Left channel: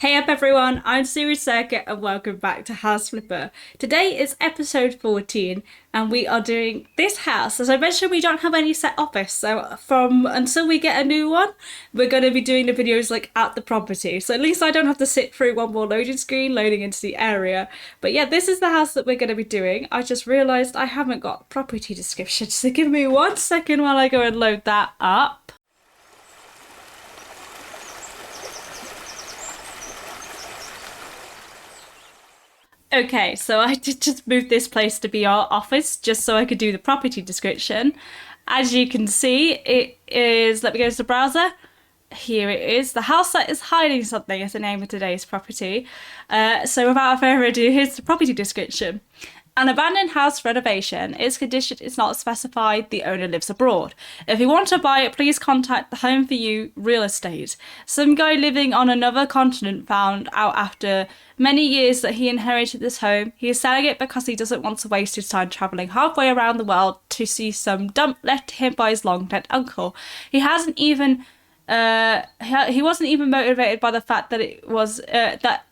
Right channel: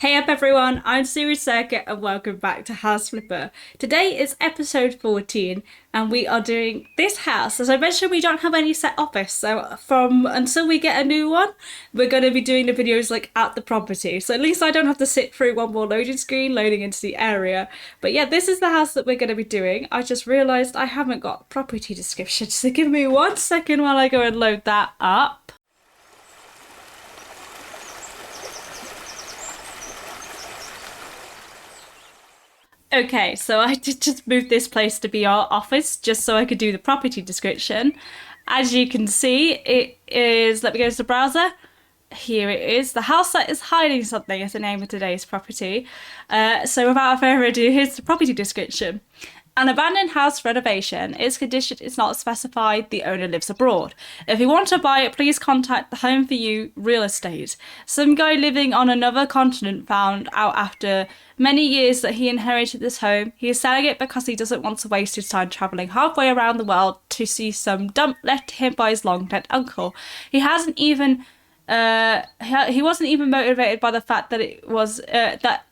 Hey up everyone, I'm Series Circuit and welcome back to House Flipper. Today is episode 14 and we are doing this house. As I mentioned, we don't have any set office, so until we get a new one, we're going to be doing the videos like at the property. So at least I don't have to sit through one more loading screen loading into the area. But yeah, this is the house that we're going to be doing. I just realised I haven't got property description, so give me 1 second while I go and load that up. Okay, so I did just move this place to be our office just so I could do the property description. As you can see, it is, let me go to the browser. Here it is. The house that is hiding something is the name of today's property. So without further ado, here's the property description. An abandoned house renovation. Its condition is not specified. The owner lives abroad. If you want to buy it, please contact the Home for You Real Estate. Some guy living on another continent found out after many years that he inherited this home. He is selling it because he doesn't want to waste his time travelling halfway around the world to see some dump left to him by his long dead uncle. He hasn't even he wasn't even motivated by the fact that it was that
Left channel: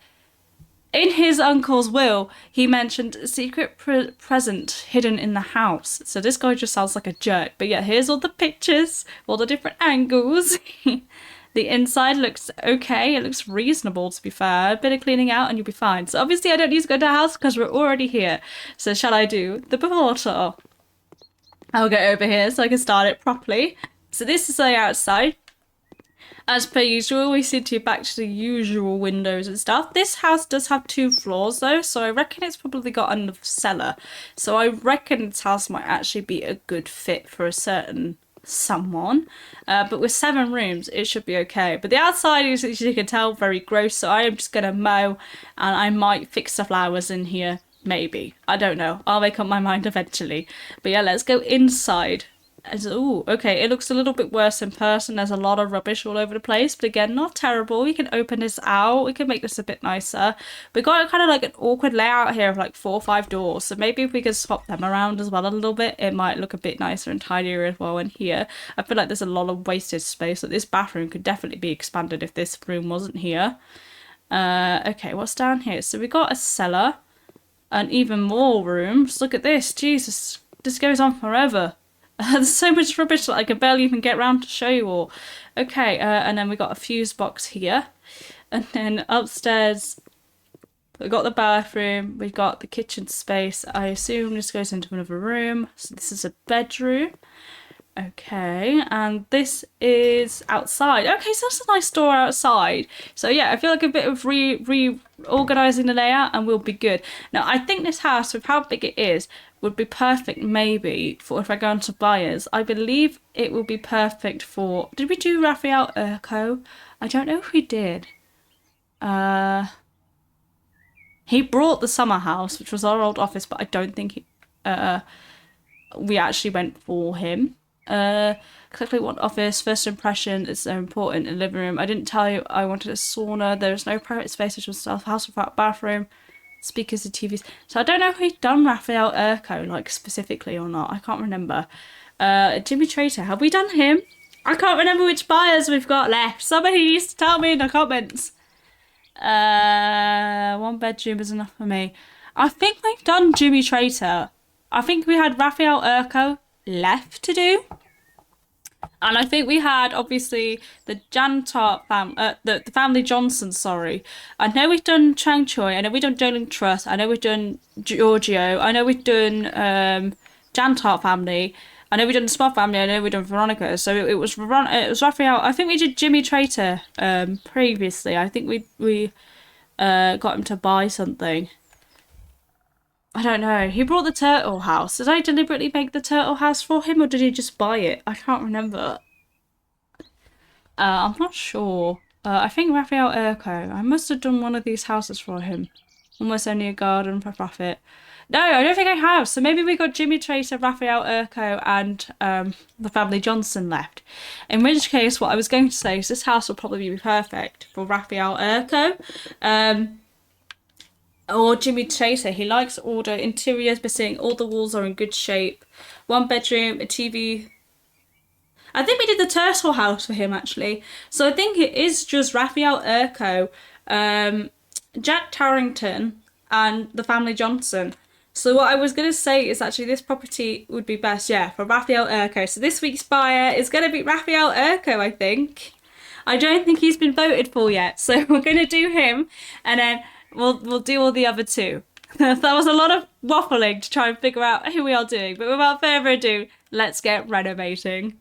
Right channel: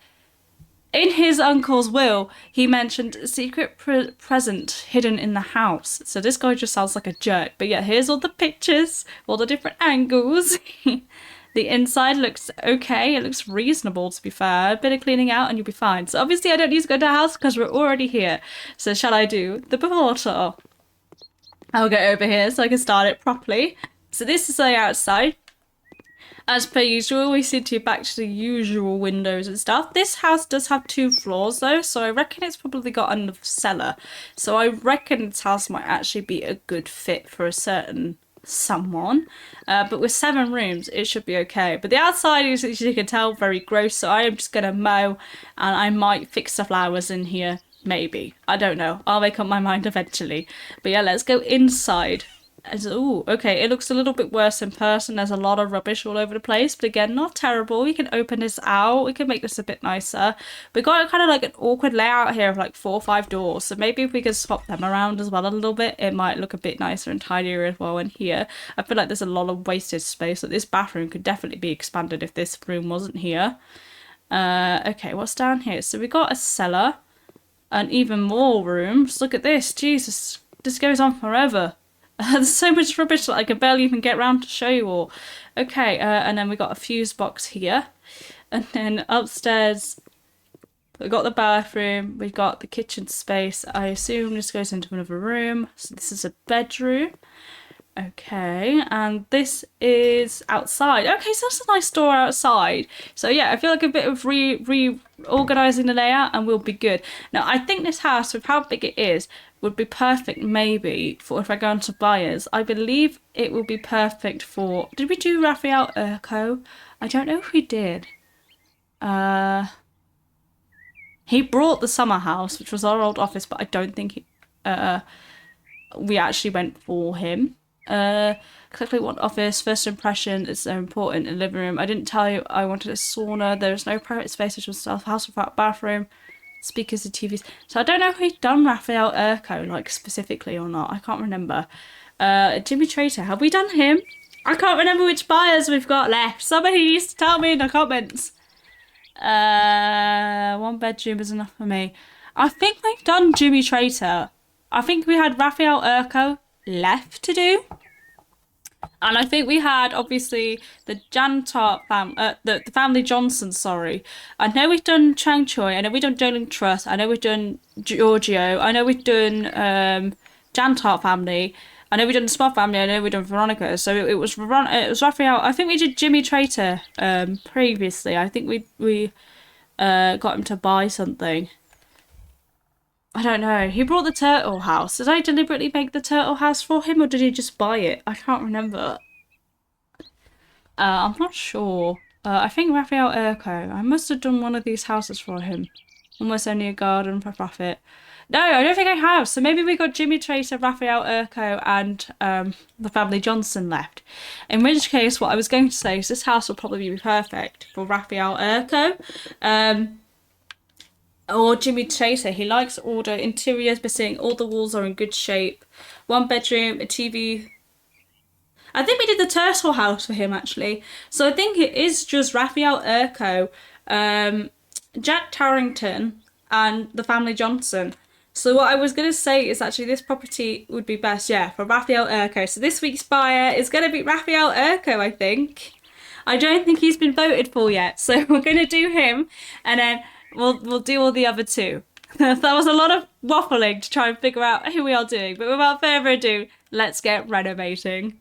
in his uncle's will, he mentioned a secret present hidden in the house. So this guy just sounds like a jerk. But yeah, here's all the pictures, all the different angles. The inside looks okay. It looks reasonable, to be fair. A bit of cleaning out and you'll be fine. So obviously I don't need to go to the house because we're already here. So shall I do the before tour? I'll go over here so I can start it properly. So this is the outside. As per usual, we seem to be back to the usual windows and stuff. This house does have 2 floors though, so I reckon it's probably got another cellar. So I reckon this house might actually be a good fit for a certain someone. But with 7 rooms, it should be okay. But the outside is, as you can tell, very gross, so I am just going to mow and I might fix the flowers in here. Maybe. I don't know. I'll make up my mind eventually. But yeah, let's go inside. Oh, okay, it looks a little bit worse in person. There's a lot of rubbish all over the place, but again, not terrible. We can open this out. We can make this a bit nicer. We got kind of like an awkward layout here of like 4 or 5 doors, so maybe if we could swap them around as well a little bit, it might look a bit nicer and tidier as well in here. I feel like there's a lot of wasted space. Like this bathroom could definitely be expanded if this room wasn't here. Okay, what's down here? So we got a cellar and even more rooms. Look at this. Jesus, this goes on forever. There's so much rubbish that I can barely even get around to show you all. Okay, and then we got a fuse box here. And then upstairs, we got the bathroom, we got the kitchen space. I assume this goes into another room. So this is a bedroom. Okay, and this is outside. Okay, so that's a nice door outside. So yeah, I feel like a bit of reorganizing the layout and we'll be good. Now, I think this house, with how big it is, would be perfect maybe for if I go into buyers. I believe it will be perfect for... Did we do Raphael Eriko? I don't know if we did. He brought the summer house, which was our old office, but I don't think we actually went for him. Exactly what office, first impression is so important in the living room. I didn't tell you I wanted a sauna. There is no private space, which was a house without bathroom, speakers and TVs. So I don't know if we've done Raphael Eriko like specifically or not. I can't remember. Jimmy Trator, have we done him? I can't remember which buyers we've got left. Somebody needs to tell me in the comments. 1 bedroom is enough for me. I think we've done Jimmy Trator. I think we had Raphael Eriko left to do. And I think we had, obviously, the Jantar the family Johnson, sorry. I know we've done Chang Choi. I know we've done Jolene Trust. I know we've done Giorgio. I know we've done Jantar family. I know we've done the Smart family. I know we've done Veronica. So it was Raphael. I think we did Jimmy Trator previously. I think we got him to buy something. I don't know. He brought the turtle house. Did I deliberately make the turtle house for him or did he just buy it? I can't remember. I'm not sure. I think Raphael Eriko. I must have done one of these houses for him. Almost only a garden for profit. No, I don't think I have. So maybe we got Jimmy Tracer, Raphael Eriko and the family Johnson left. In which case, what I was going to say is this house will probably be perfect for Raphael Eriko. Or Jimmy Tracer. He likes order. Interiors missing. All the walls are in good shape. 1 bedroom, a TV. I think we did the turtle house for him actually. So I think it is just Raphael Eriko Jack Tarrington and the family Johnson. So what I was going to say is actually this property would be best, yeah, for Raphael Eriko. So this week's buyer is going to be Raphael Eriko, I think. I don't think he's been voted for yet, so we're going to do him, and then we'll do all the other two. That was a lot of waffling to try and figure out who we are doing, but without further ado, let's get renovating.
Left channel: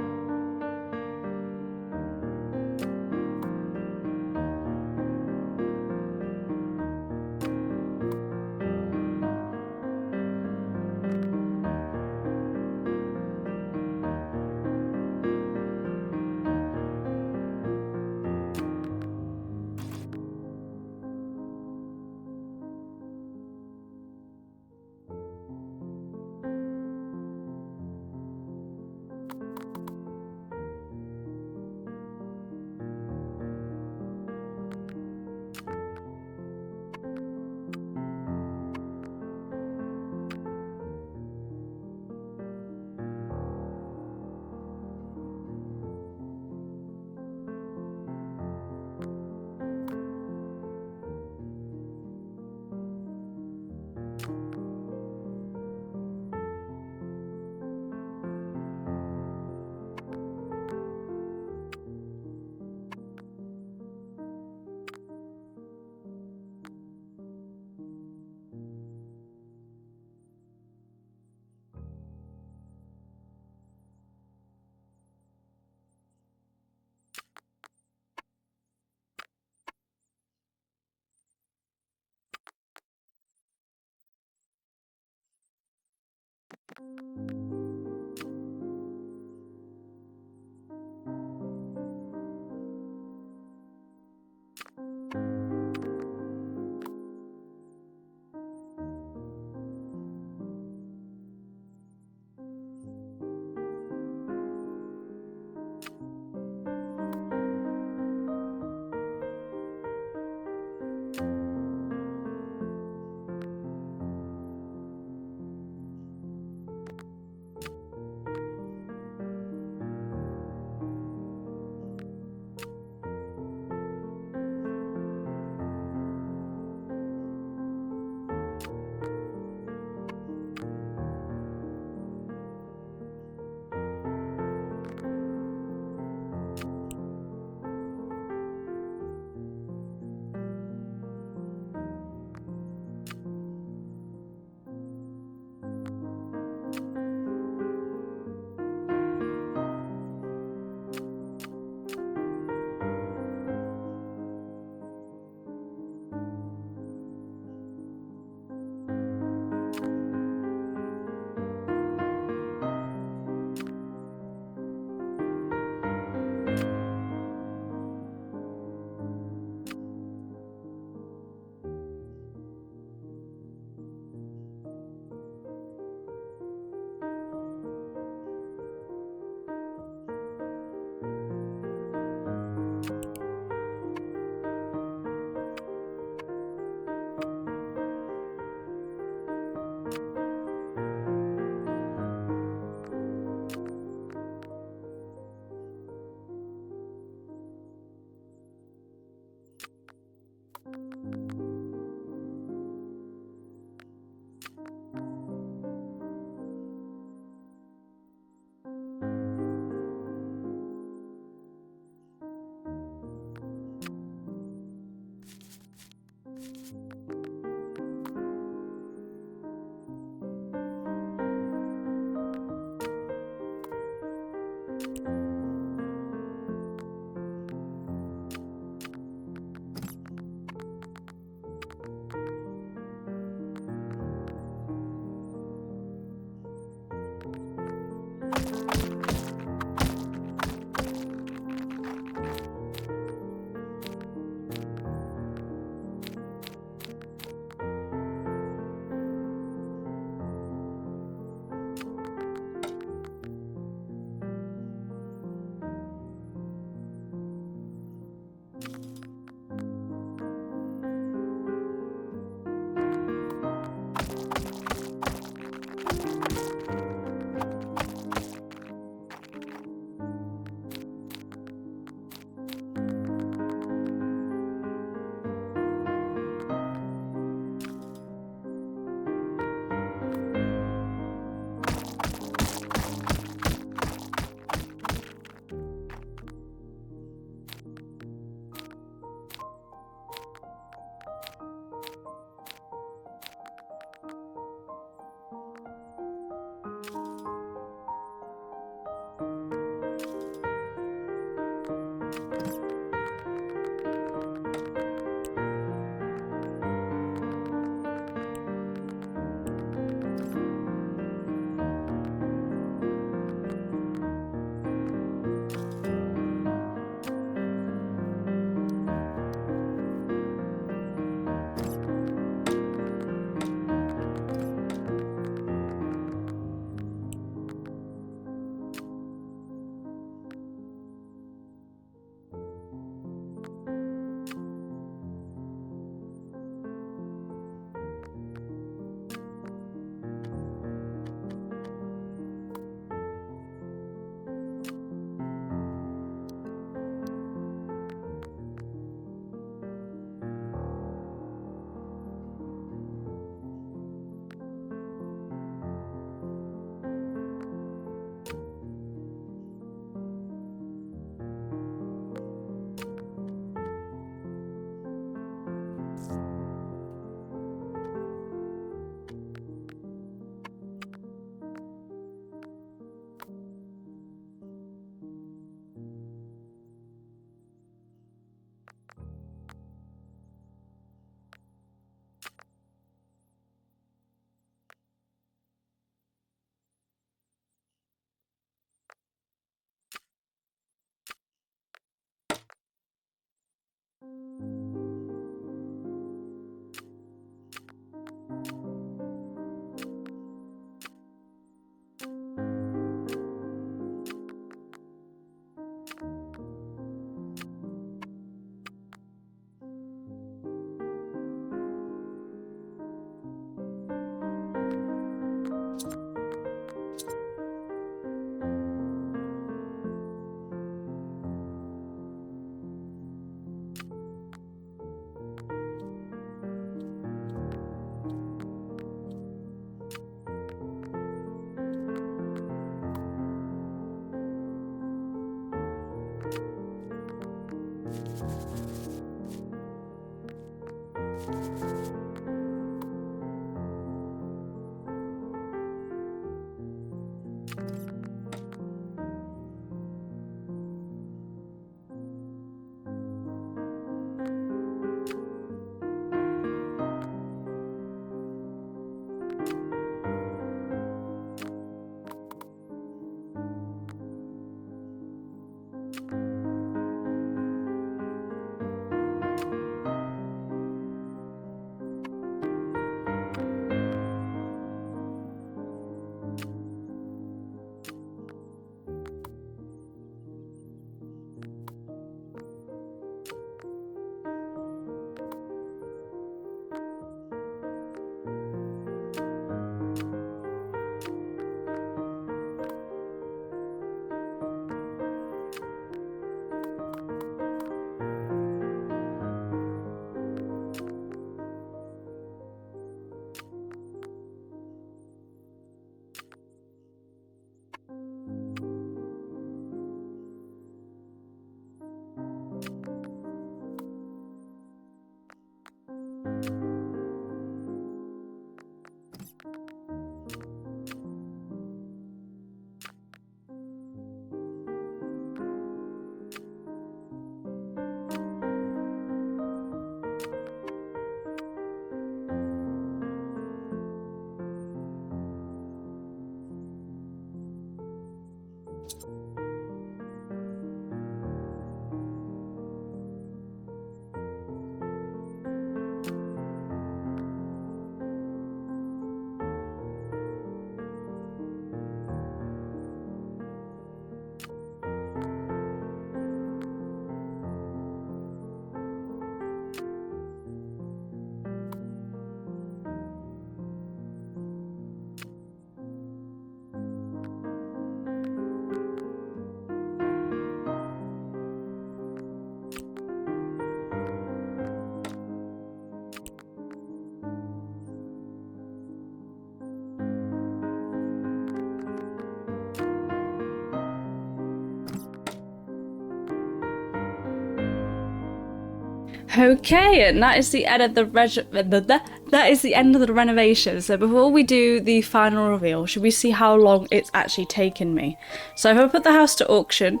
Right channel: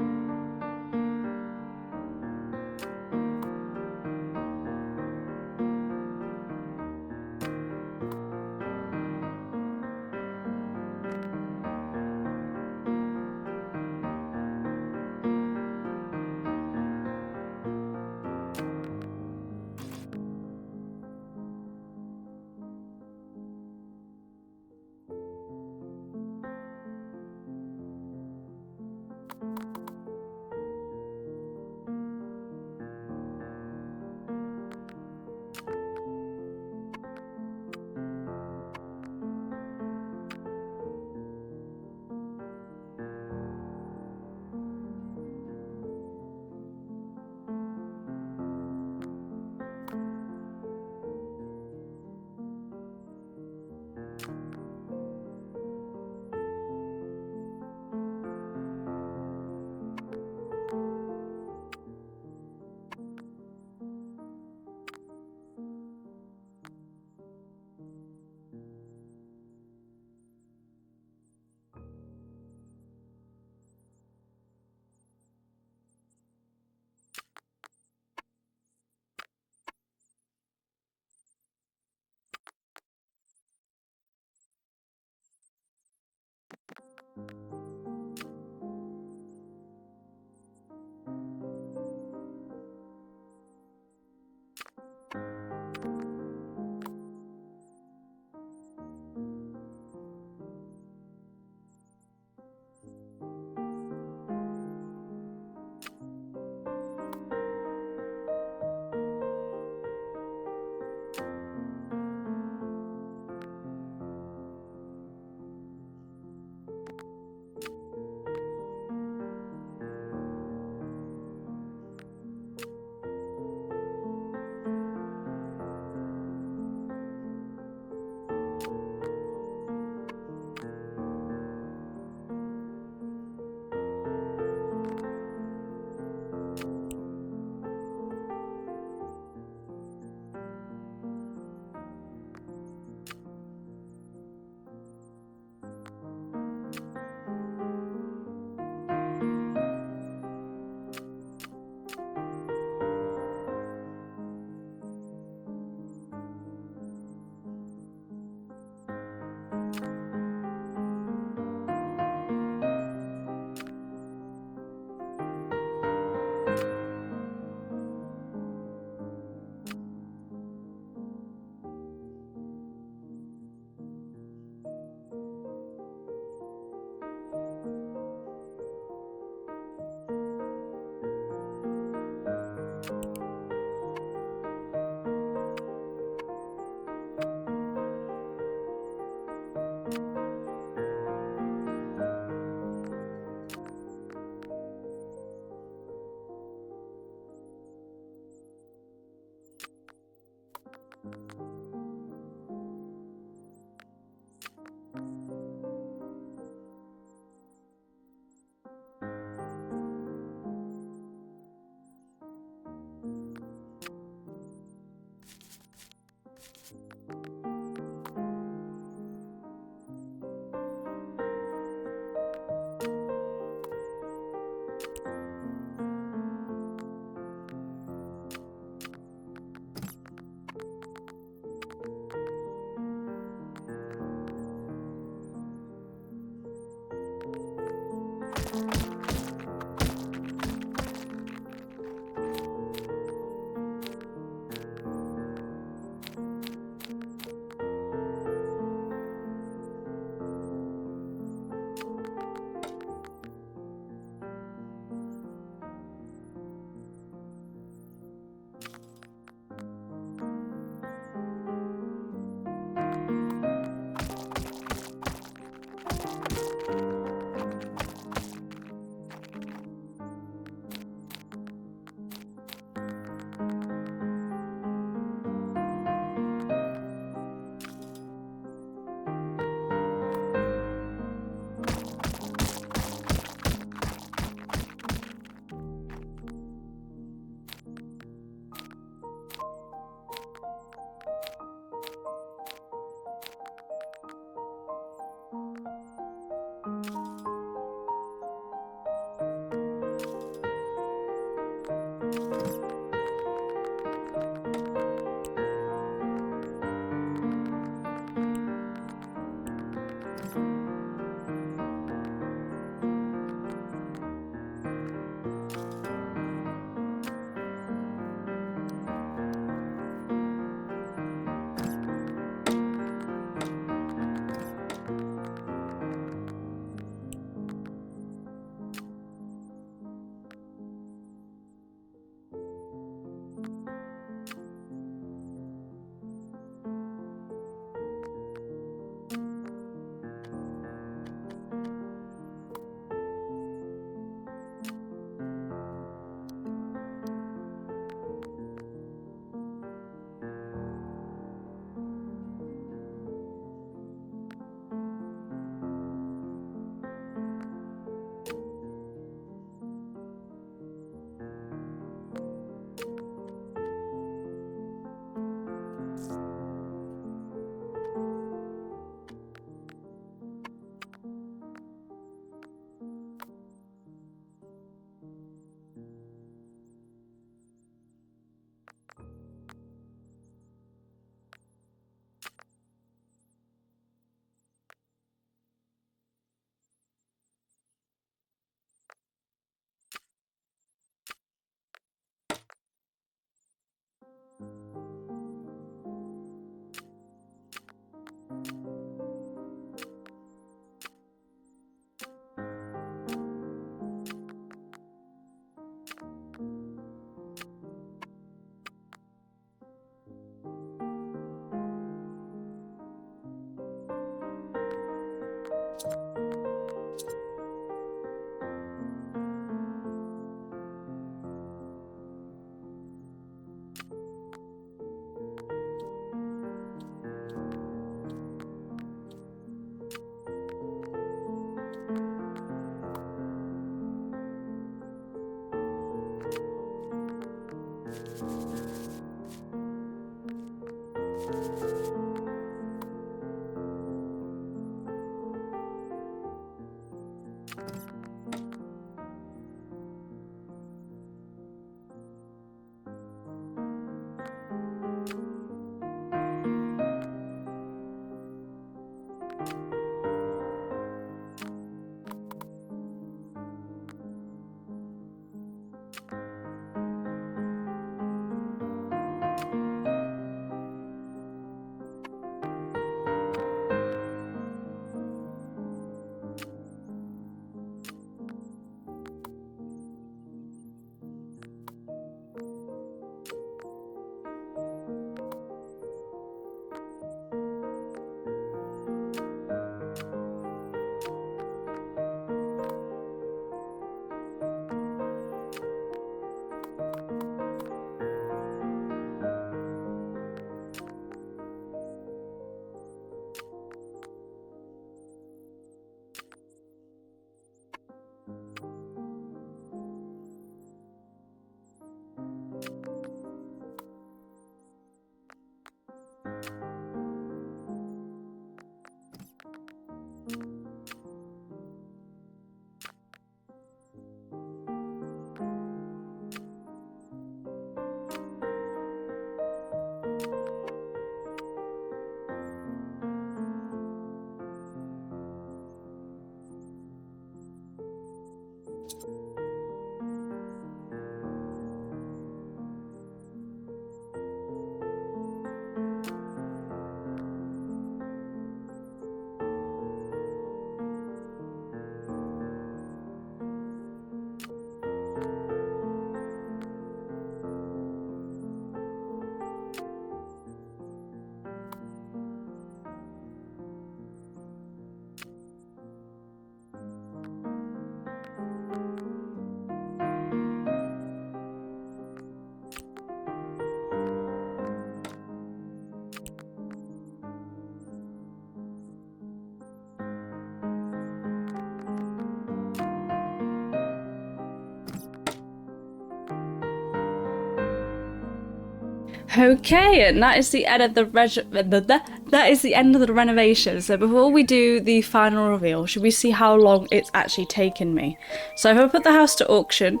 Okay, and that is the end of the that is the end of the renovation. So before we do the final reveal, should we see how long it's actually taken me? So if I put the house to auction,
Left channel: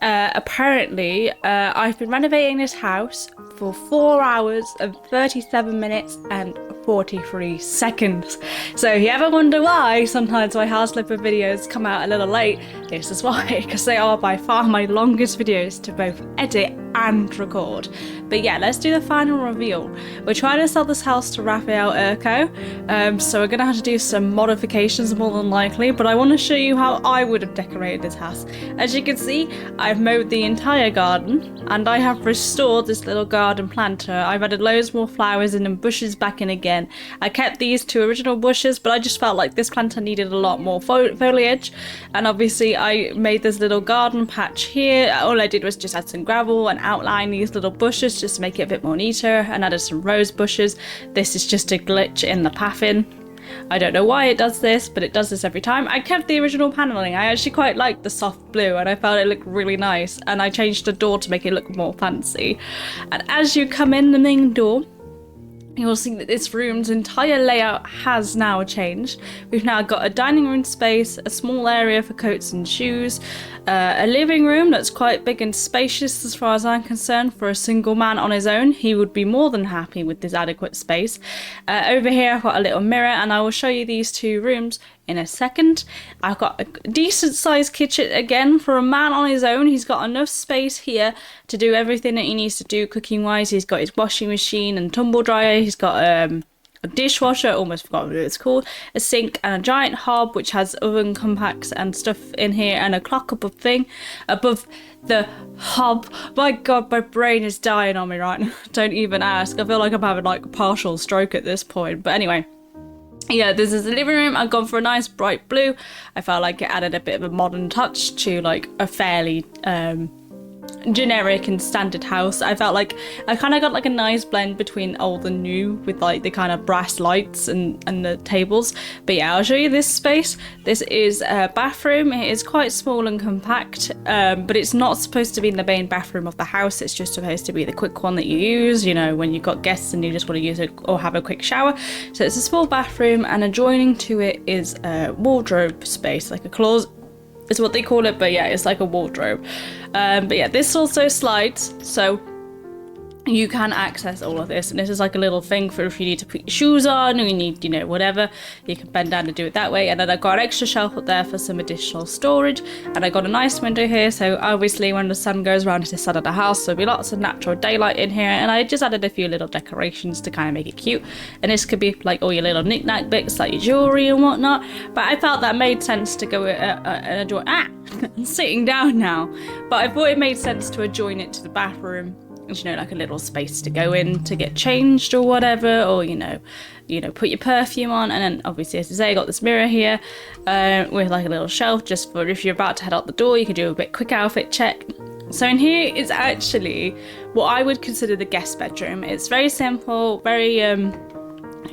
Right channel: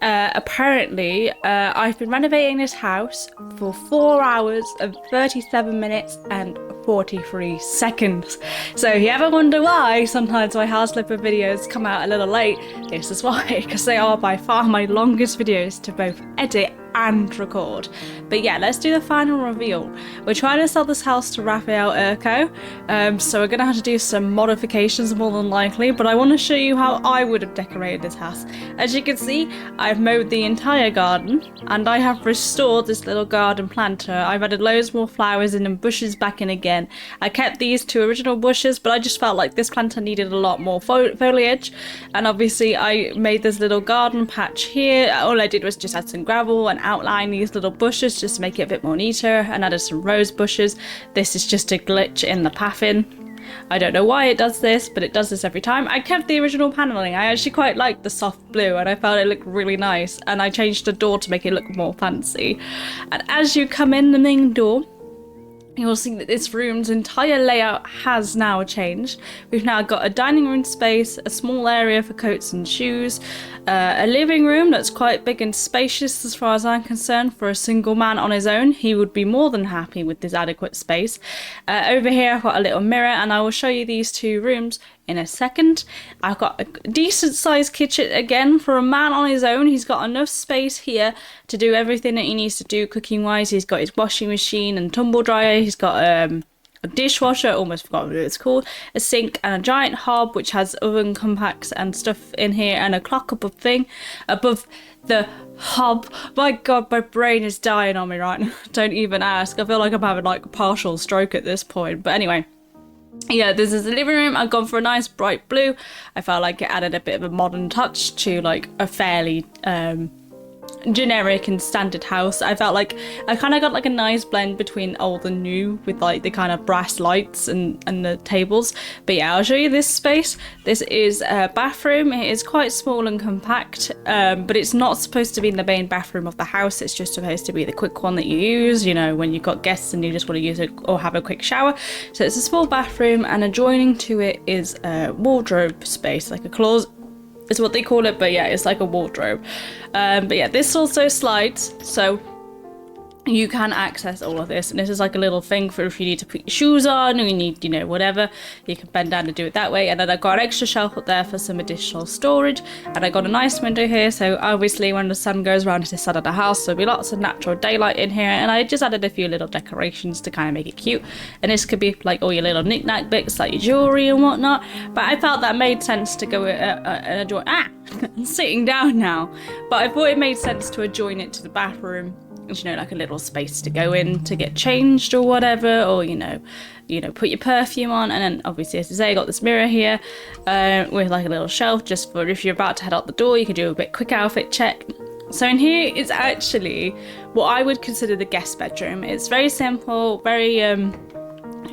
apparently I've been renovating this house for 4 hours and 37 minutes and 43 seconds. So if you ever wonder why sometimes my house flipper videos come out a little late, this is why, because they are by far my longest videos to both edit and record. But yeah, let's do the final reveal. We're trying to sell this house to Raphael Eriko, so we're gonna have to do some modifications more than likely, but I want to show you how I would have decorated this house. As you can see, I've mowed the entire garden and I have restored this little garden planter. I've added loads more flowers in and bushes back in again. I kept these two original bushes, but I just felt like this planter needed a lot more foliage, and obviously I made this little garden patch here. All I did was just add some gravel and outline these little bushes just to make it a bit more neater, and added some rose bushes. This is just a glitch in the pathing. I don't know why it does this, but it does this every time. I kept the original paneling. I actually quite liked the soft blue and I felt it looked really nice, and I changed the door to make it look more fancy. And as you come in the main door, you will see that this room's entire layout has now changed. We've now got a dining room space, a small area for coats and shoes, a living room that's quite big and spacious as far as I'm concerned. For a single man on his own, he would be more than happy with this adequate space. Over here I've got a little mirror, and I will show you these two rooms in a second. I've got a decent sized kitchen again for a man on his own. He's got enough space here to do everything that he needs to do cooking wise. He's got his washing machine and tumble dryer. He's got a dishwasher, almost forgot what it's called, a sink, and a giant hob which has oven compacts and stuff in here, and a clock above the hob. My god, my brain is dying on me right now. Don't even ask. I feel like I'm having like a partial stroke at this point. But anyway, yeah, this is the living room. I've gone for a nice bright blue. I felt like it added a bit of a modern touch to like a fairly generic and standard house. I felt like I kind of got like a nice blend between old and new with like the kind of brass lights and the tables. But yeah, I'll show you this space. This is a bathroom. It is quite small and compact, but it's not supposed to be in the main bathroom of the house. It's just supposed to be the quick one that you use, you know, when you've got guests and you just want to use it or have a quick shower. So it's a small bathroom, and adjoining to it is a wardrobe space, like a closet is what they call it, but yeah, it's like a wardrobe. But yeah, this also slides, so you can access all of this, and this is like a little thing for if you need to put your shoes on or you need, you know, whatever, you can bend down and do it that way. And then I've got an extra shelf up there for some additional storage, and I got a nice window here, so obviously when the sun goes around to this side of the house there'll be lots of natural daylight in here. And I just added a few little decorations to kind of make it cute, and this could be like all your little knick-knack bits like your jewelry and whatnot, but I felt that made sense to go and adjoin I'm sitting down now, but I thought it made sense to adjoin it to the bathroom, you know, like a little space to go in to get changed or whatever, or you know, put your perfume on. And then obviously, as I say, I got this mirror here with like a little shelf just for if you're about to head out the door, you can do a bit quick outfit check. So in here is actually what I would consider the guest bedroom. It's very simple, very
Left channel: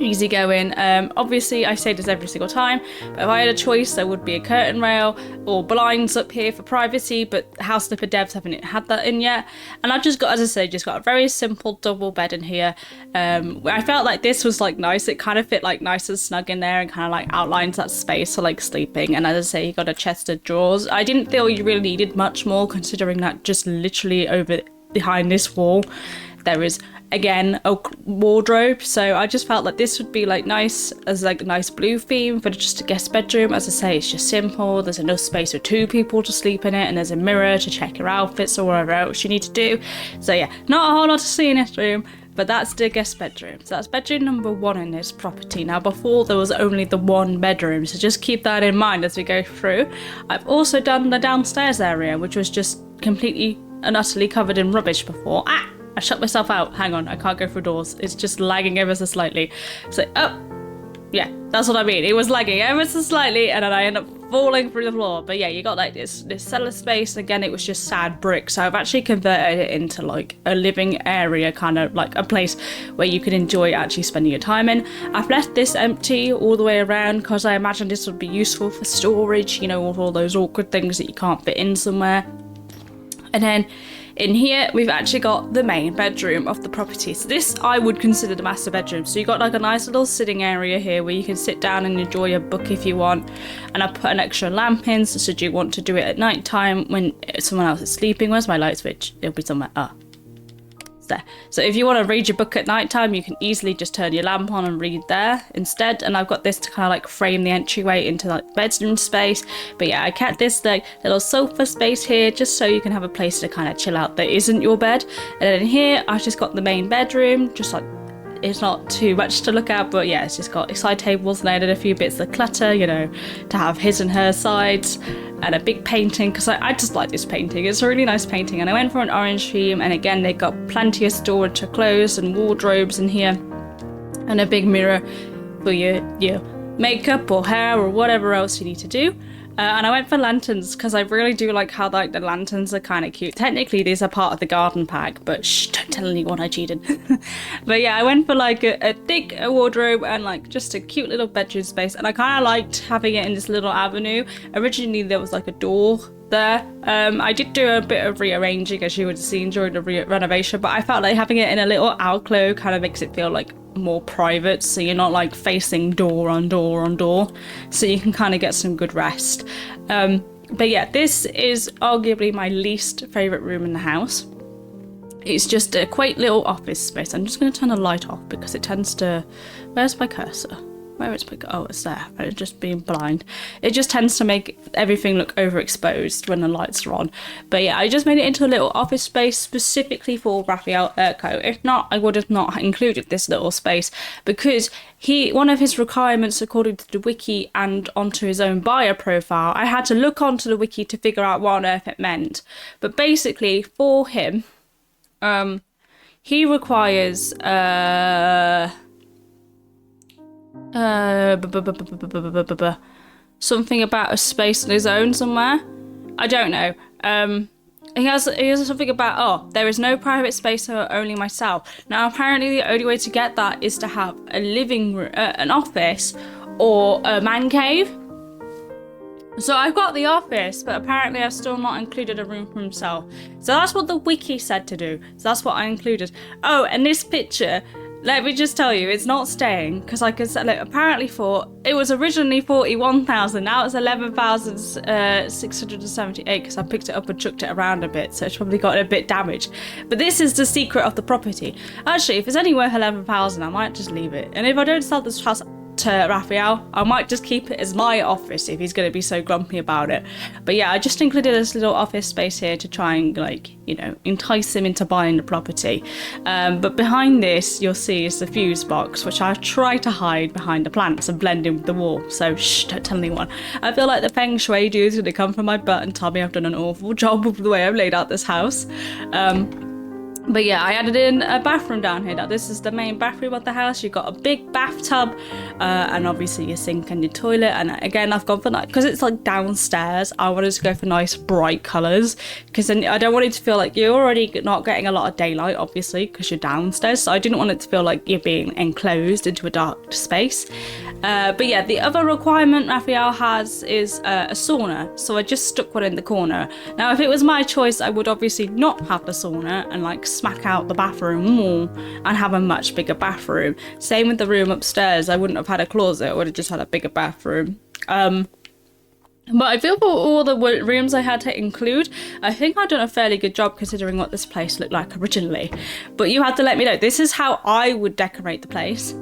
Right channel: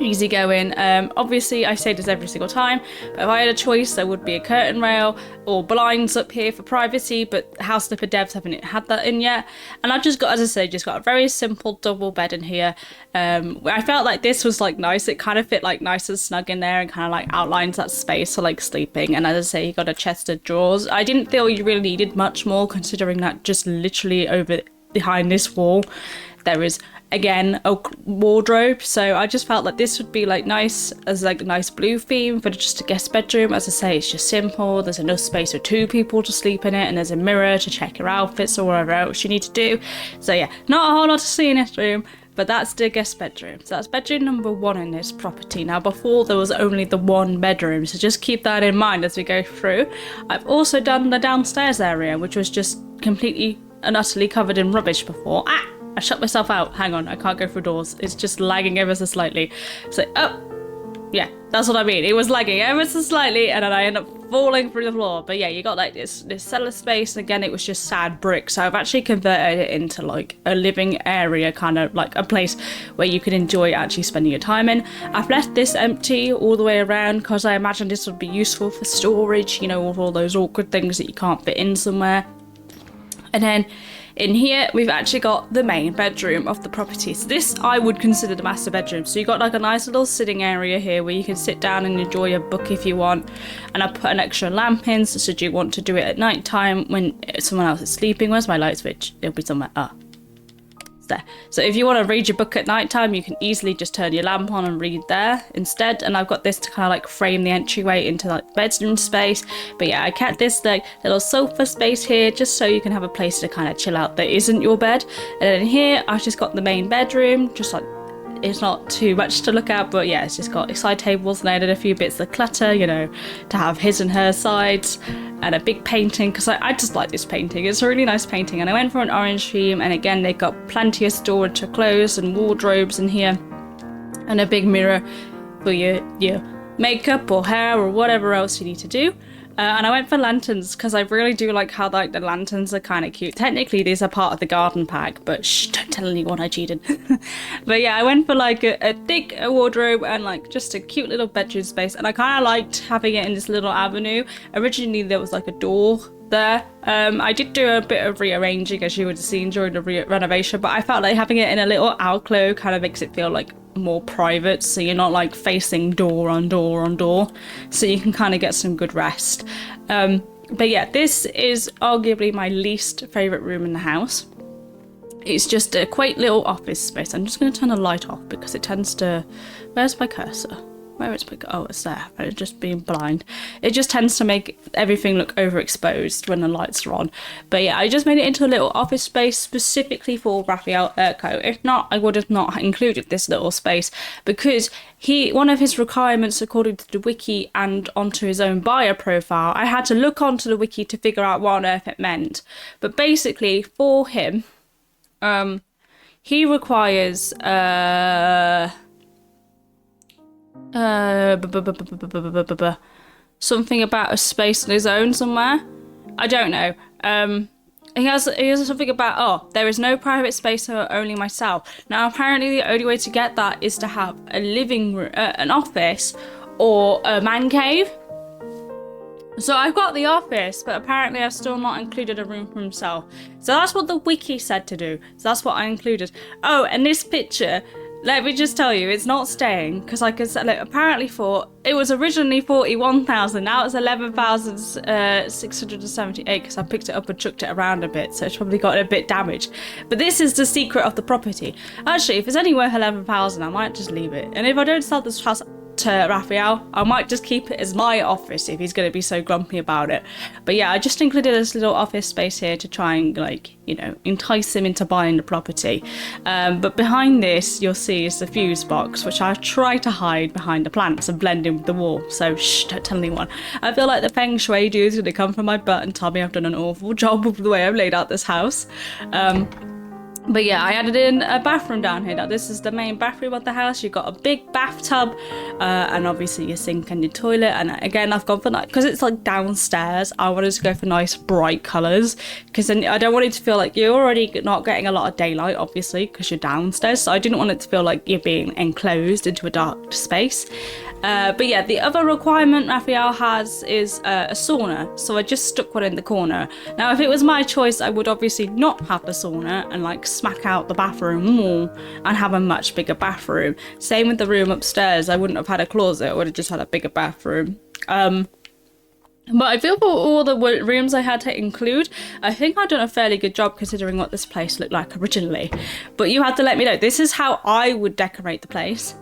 easy going. Obviously I say this every single time, but if I had a choice there would be a curtain rail or blinds up here for privacy, but House Flipper devs haven't had that in yet. And I've just got, as I say, just got a very simple double bed in here. I felt like this was like nice, it kind of fit like nice and snug in there and kind of like outlines that space for like sleeping. And as I say, you got a chest of drawers. I didn't feel you really needed much more, considering that just literally over behind this wall there is again a wardrobe, so I just felt like this would be like nice as like a nice blue theme for just a guest bedroom. As I say, it's just simple, there's enough space for 2 people to sleep in it, and there's a mirror to check your outfits or whatever else you need to do. So yeah, not a whole lot to see in this room, but that's the guest bedroom. So that's bedroom number 1 in this property. Now before there was only the 1 bedroom, so just keep that in mind as we go through. I've also done the downstairs area, which was just completely and utterly covered in rubbish before. I shut myself out. Hang on, I can't go through doors. It's just lagging ever so slightly. So, oh, yeah, that's what I mean. It was lagging ever so slightly, and then I end up falling through the floor. But yeah, you got like this cellar space. Again, it was just sad brick. So I've actually converted it into like a living area, kind of like a place where you can enjoy actually spending your time in. I've left this empty all the way around because I imagine this would be useful for storage, you know, of all those awkward things that you can't fit in somewhere. And then in here, we've actually got the main bedroom of the property. So this I would consider the master bedroom. So you got like a nice little sitting area here where you can sit down and enjoy a book if you want. And I put an extra lamp in, so should you want to do it at night time when someone else is sleeping. Where's my light switch? It'll be somewhere. There. So if you want to read your book at night time, you can easily just turn your lamp on and read there instead. And I've got this to kind of like frame the entryway into like bedroom space. But yeah, I kept this like little sofa space here just so you can have a place to kind of chill out that isn't your bed. And then here I've just got the main bedroom, just like it's not too much to look at, but yeah, it's just got side tables, and I added a few bits of clutter, you know, to have his and her sides, and a big painting, because I just like this painting. It's a really nice painting, and I went for an orange theme, and again, they've got plenty of storage for clothes and wardrobes in here, and a big mirror for your makeup or hair or whatever else you need to do. And I went for lanterns because I really do like how like the lanterns are kind of cute. Technically these are part of the garden pack, but shh, don't tell anyone I cheated. But yeah, I went for like a thick wardrobe and like just a cute little bedroom space, and I kind of liked having it in this little avenue. Originally there was like a door there. I did do a bit of rearranging, as you would have seen during the renovation, but I felt like having it in a little alcove kind of makes it feel like more private, so you're not like facing door on door on door, so you can kind of get some good rest. But yeah, this is arguably my least favorite room in the house. It's just a quaint little office space. I'm just going to turn the light off because it tends to... Where's my cursor? Where is my... Oh, it's there. It's just being blind. It just tends to make everything look overexposed when the lights are on. But yeah, I just made it into a little office space specifically for Raphael Eriko. If not, I would have not included this little space because one of his requirements, according to the wiki and onto his own bio profile, I had to look onto the wiki to figure out what on earth it meant. But basically, for him, he requires something about a space on his own somewhere. I don't know. He has something about, oh, there is no private space for only myself. Now, apparently the only way to get that is to have a living room, an office, or a man cave. So I've got the office, but apparently I've still not included a room for himself. So that's what the wiki said to do. So that's what I included. Oh, and this picture, let me just tell you, it's not staying, because like I said, apparently it was originally 41,000, now it's 11,678, because I picked it up and chucked it around a bit, so it's probably got a bit damaged. But this is the secret of the property. Actually, if it's only worth 11,000, I might just leave it. And if I don't sell this house to Raphael, I might just keep it as my office if he's going to be so grumpy about it. But yeah, I just included this little office space here to try and, like, you know, entice him into buying the property. But behind this, you'll see is the fuse box, which I try to hide behind the plants and blend in with the wall. So shh, don't tell anyone. I feel like the feng shui dude is going to come from my butt and tell me I've done an awful job with the way I've laid out this house. But yeah, I added in a bathroom down here. Now this is the main bathroom of the house. You've got a big bathtub and obviously your sink and your toilet. And again, I've gone for nice, because it's like downstairs, I wanted to go for nice bright colours, because then I don't want it to feel like you're already not getting a lot of daylight, obviously, because you're downstairs. So I didn't want it to feel like you're being enclosed into a dark space. But yeah, the other requirement Raphael has is a sauna, so I just stuck one in the corner. Now, if it was my choice, I would obviously not have the sauna and like smack out the bathroom wall and have a much bigger bathroom. Same with the room upstairs, I wouldn't have had a closet, I would have just had a bigger bathroom. But I feel for all the rooms I had to include, I think I've done a fairly good job considering what this place looked like originally. But you have to let me know, this is how I would decorate the place.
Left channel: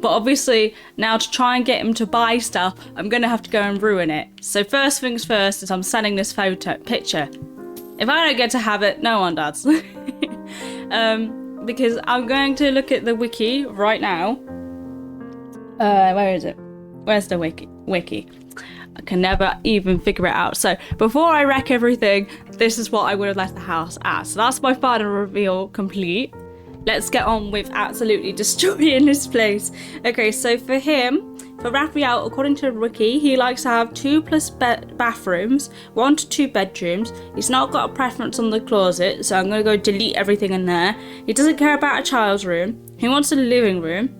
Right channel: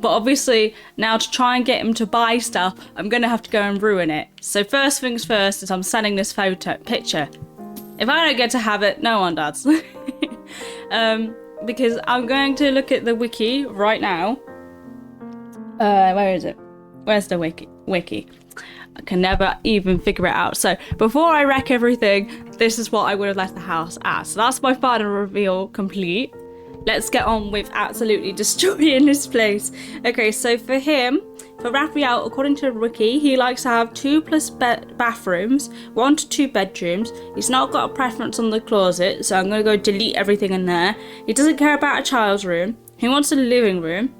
But obviously, now to try and get him to buy stuff, I'm going to have to go and ruin it. So first things first is I'm sending this picture. If I don't get to have it, no one does. Because I'm going to look at the wiki right now. Where is it? Where's the wiki? I can never even figure it out. So before I wreck everything, this is what I would have left the house as. So that's my final reveal complete. Let's get on with absolutely destroying this place. Okay, so for Raphael, according to Ricky, he likes to have 2+ bathrooms, 1 to 2 bedrooms. He's not got a preference on the closet, so I'm going to go delete everything in there. He doesn't care about a child's room. He wants a living room,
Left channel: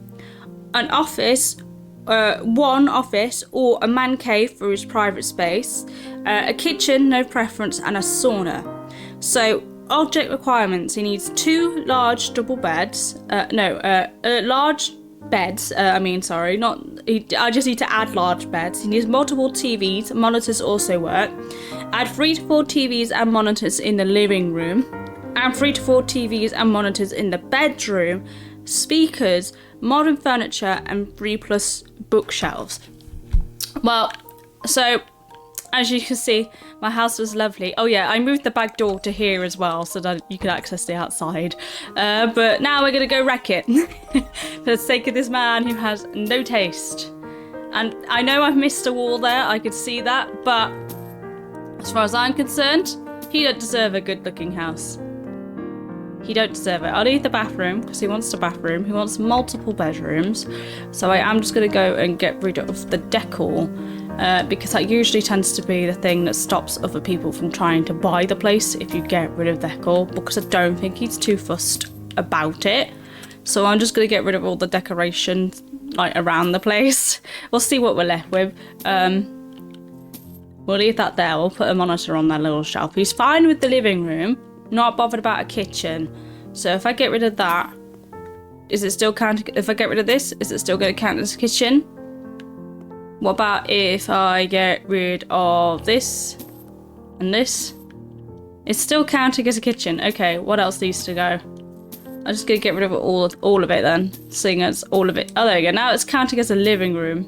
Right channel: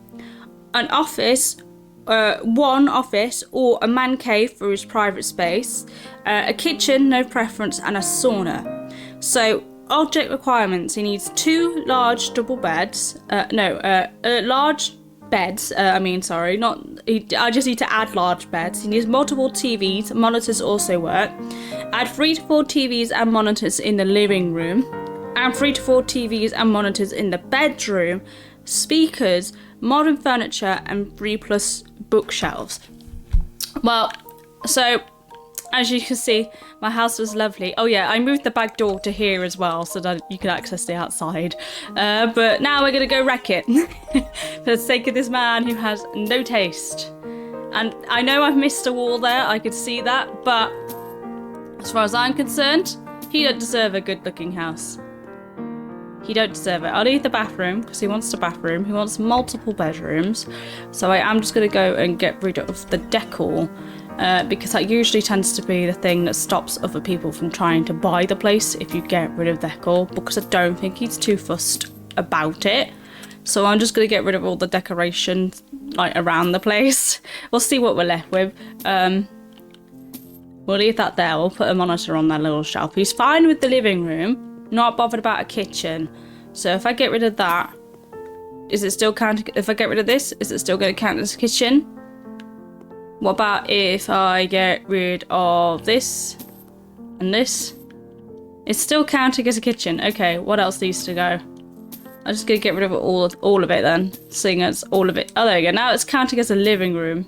an office, one office or a man cave for his private space, a kitchen, no preference, and a sauna. So object requirements: he needs 2 large double beds, large beds, I just need to add large beds. He needs multiple TVs, monitors also work. Add 3 to 4 TVs and monitors in the living room, and 3 to 4 TVs and monitors in the bedroom, speakers, modern furniture, and 3+ bookshelves. Well, so as you can see, my house was lovely. Oh yeah, I moved the back door to here as well so that you could access the outside. But now we're gonna go wreck it for the sake of this man who has no taste. And I know I've missed a wall there, I could see that, but as far as I'm concerned, he don't deserve a good looking house. He don't deserve it. I'll leave the bathroom because he wants the bathroom. He wants multiple bedrooms. So I am just gonna go and get rid of the decor. Because that usually tends to be the thing that stops other people from trying to buy the place if you get rid of decor, because I don't think he's too fussed about it. So I'm just going to get rid of all the decorations like around the place. We'll see what we're left with. We'll leave that there. We'll put a monitor on that little shelf. He's fine with the living room, not bothered about a kitchen. So if I get rid of that, is it still counting? If I get rid of this, is it still going to count as a kitchen? What about if I get rid of this and this? It's still counting as a kitchen. Okay, what else needs to go? I'm just gonna get rid of all of it then, seeing as all of it. Oh, there we go. Now it's counting as a living room.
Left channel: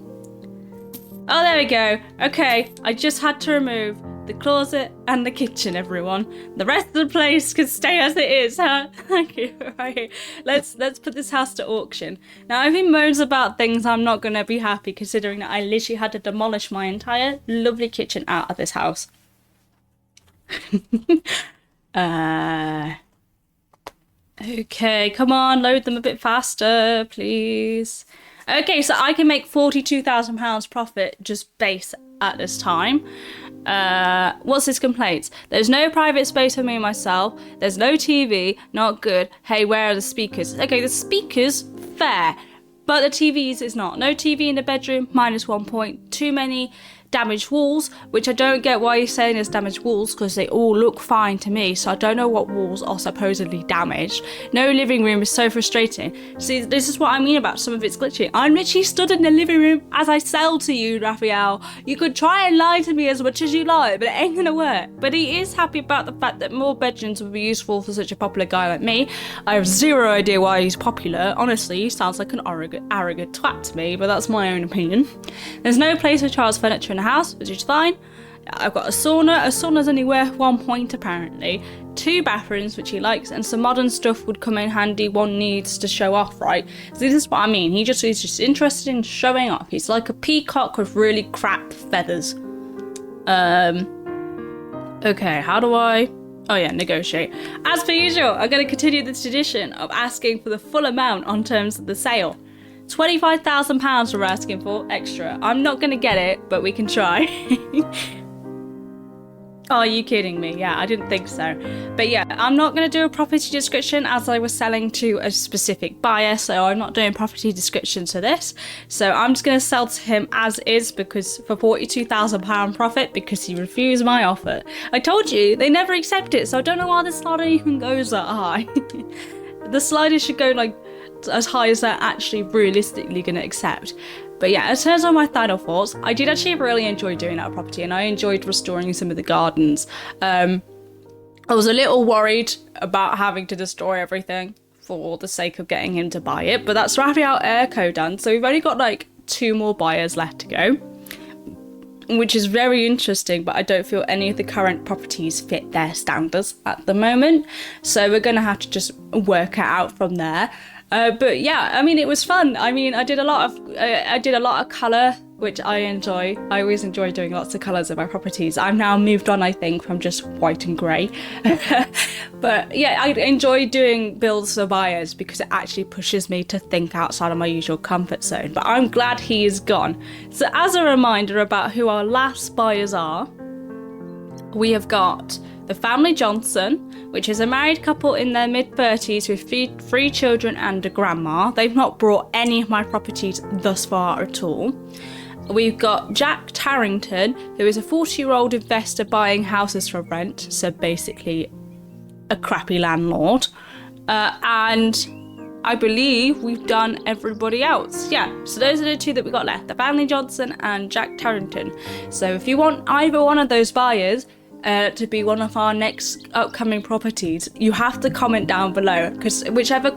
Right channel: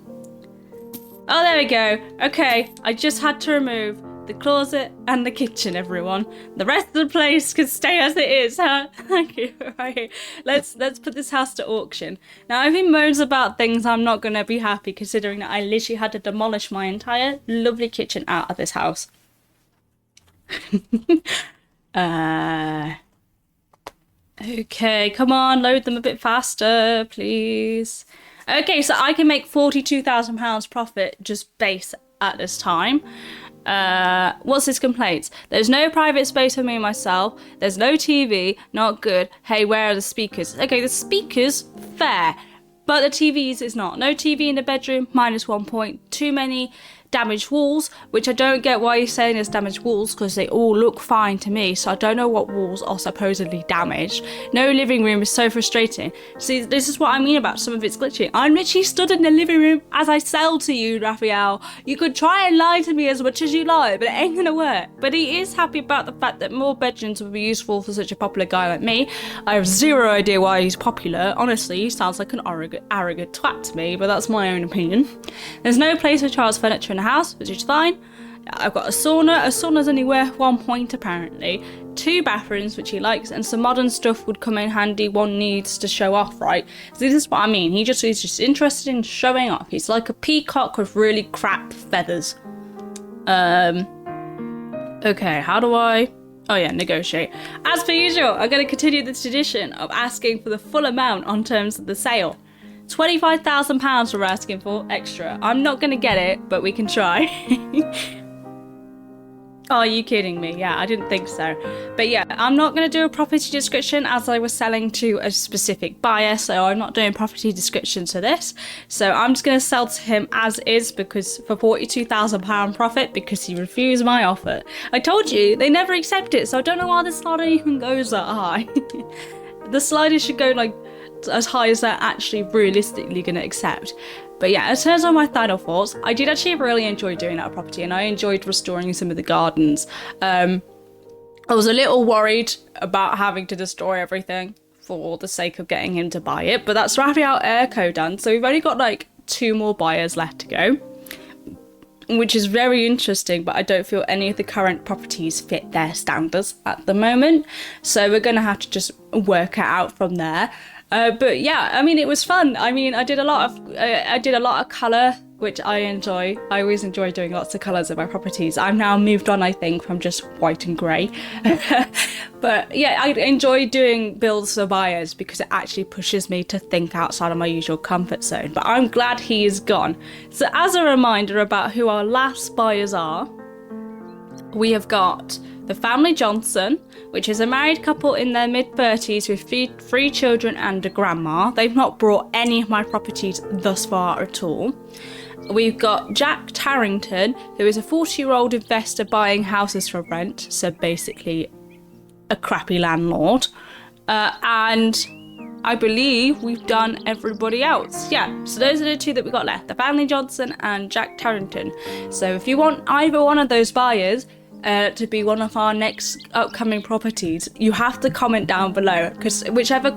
Oh, there we go. Okay, I just had to remove the closet and the kitchen, everyone. The rest of the place can stay as it is, huh? Thank you. Right. Let's put this house to auction. Now, if he moans about things, I'm not going to be happy, considering that I literally had to demolish my entire lovely kitchen out of this house. Okay, come on, load them a bit faster, please. Okay, so I can make £42,000 profit just base at this time. What's his complaints? There's no private space for me and myself. There's no TV. Not good. Hey, where are the speakers? Okay, the speakers, fair. But the TVs is not. No TV in the bedroom, -1 point. Too many damaged walls, which I don't get why you're saying there's damaged walls, because they all look fine to me, so I don't know what walls are supposedly damaged. No living room is so frustrating. See, this is what I mean about some of it's glitchy. I'm literally stood in the living room as I sell to you, Raphael. You could try and lie to me as much as you like, but it ain't gonna work. But he is happy about the fact that more bedrooms would be useful for such a popular guy like me. I have zero idea why he's popular. Honestly, he sounds like an arrogant twat to me, but that's my own opinion. There's no place for child's furniture in the house, which is fine. I've got a sauna. A sauna's only worth 1 point apparently. 2 bathrooms, which he likes, and some modern stuff would come in handy. One needs to show off, right? So this is what I mean. He's just interested in showing off. He's like a peacock with really crap feathers. Okay, how do I... Oh yeah, negotiate. As per usual, I'm going to continue the tradition of asking for the full amount on terms of the sale. £25,000 we're asking for extra. I'm not going to get it, but we can try. Oh, are you kidding me? Yeah, I didn't think so. But yeah, I'm not going to do a property description as I was selling to a specific buyer, so I'm not doing property descriptions for this. So I'm just going to sell to him as is, because for £42,000 profit, because he refused my offer. I told you, they never accept it, so I don't know why the slider even goes that high. The slider should go like as high as they're actually realistically going to accept. But yeah, in terms of my final thoughts, I did actually really enjoy doing that property, and I enjoyed restoring some of the gardens. I was a little worried about having to destroy everything for the sake of getting him to buy it, but that's Raphael Eriko done, so we've only got like 2 more buyers left to go, which is very interesting, but I don't feel any of the current properties fit their standards at the moment, so we're going to have to just work it out from there. But yeah, I mean, it was fun. I mean, I did a lot of colour, which I enjoy. I always enjoy doing lots of colours in my properties. I'm now moved on, I think, from just white and grey. But yeah, I enjoy doing builds for buyers because it actually pushes me to think outside of my usual comfort zone. But I'm glad he is gone. So as a reminder about who our last buyers are, we have got the family Johnson, which is a married couple in their mid-30s with 3 children and a grandma. They've not brought any of my properties thus far at all. We've got Jack Tarrington, who is a 40-year-old investor buying houses for rent, so basically a crappy landlord. And I believe we've done everybody else. Yeah, so those are the 2 that we got left, the family Johnson and Jack Tarrington. So if you want either one of those buyers to be one of our next upcoming properties, you have to comment down below, because whichever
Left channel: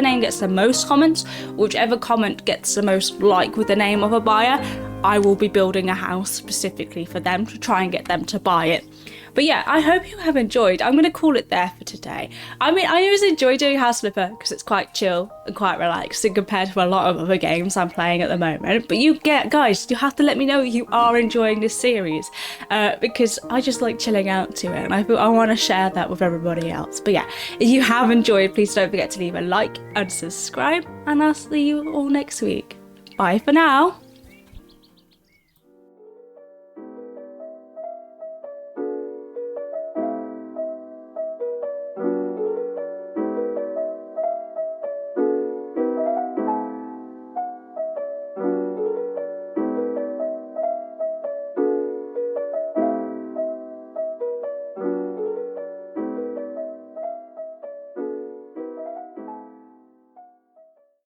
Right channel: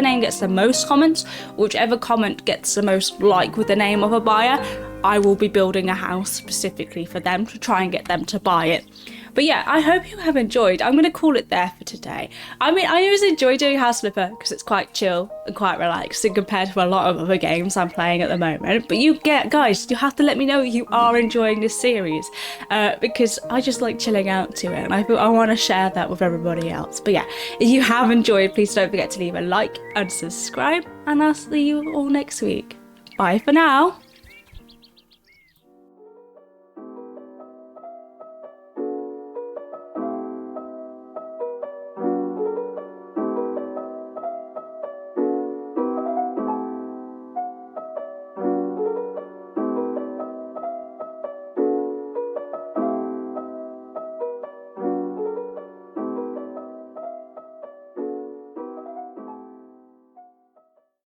name gets the most comments, whichever comment gets the most like with the name of a buyer, I will be building a house specifically for them to try and get them to buy it. But yeah, I hope you have enjoyed. I'm going to call it there for today. I mean, I always enjoy doing House Flipper because it's quite chill and quite relaxing compared to a lot of other games I'm playing at the moment. But guys, you have to let me know you are enjoying this series because I just like chilling out to it, and I want to share that with everybody else. But yeah, if you have enjoyed, please don't forget to leave a like and subscribe, and I'll see you all next week. Bye for now.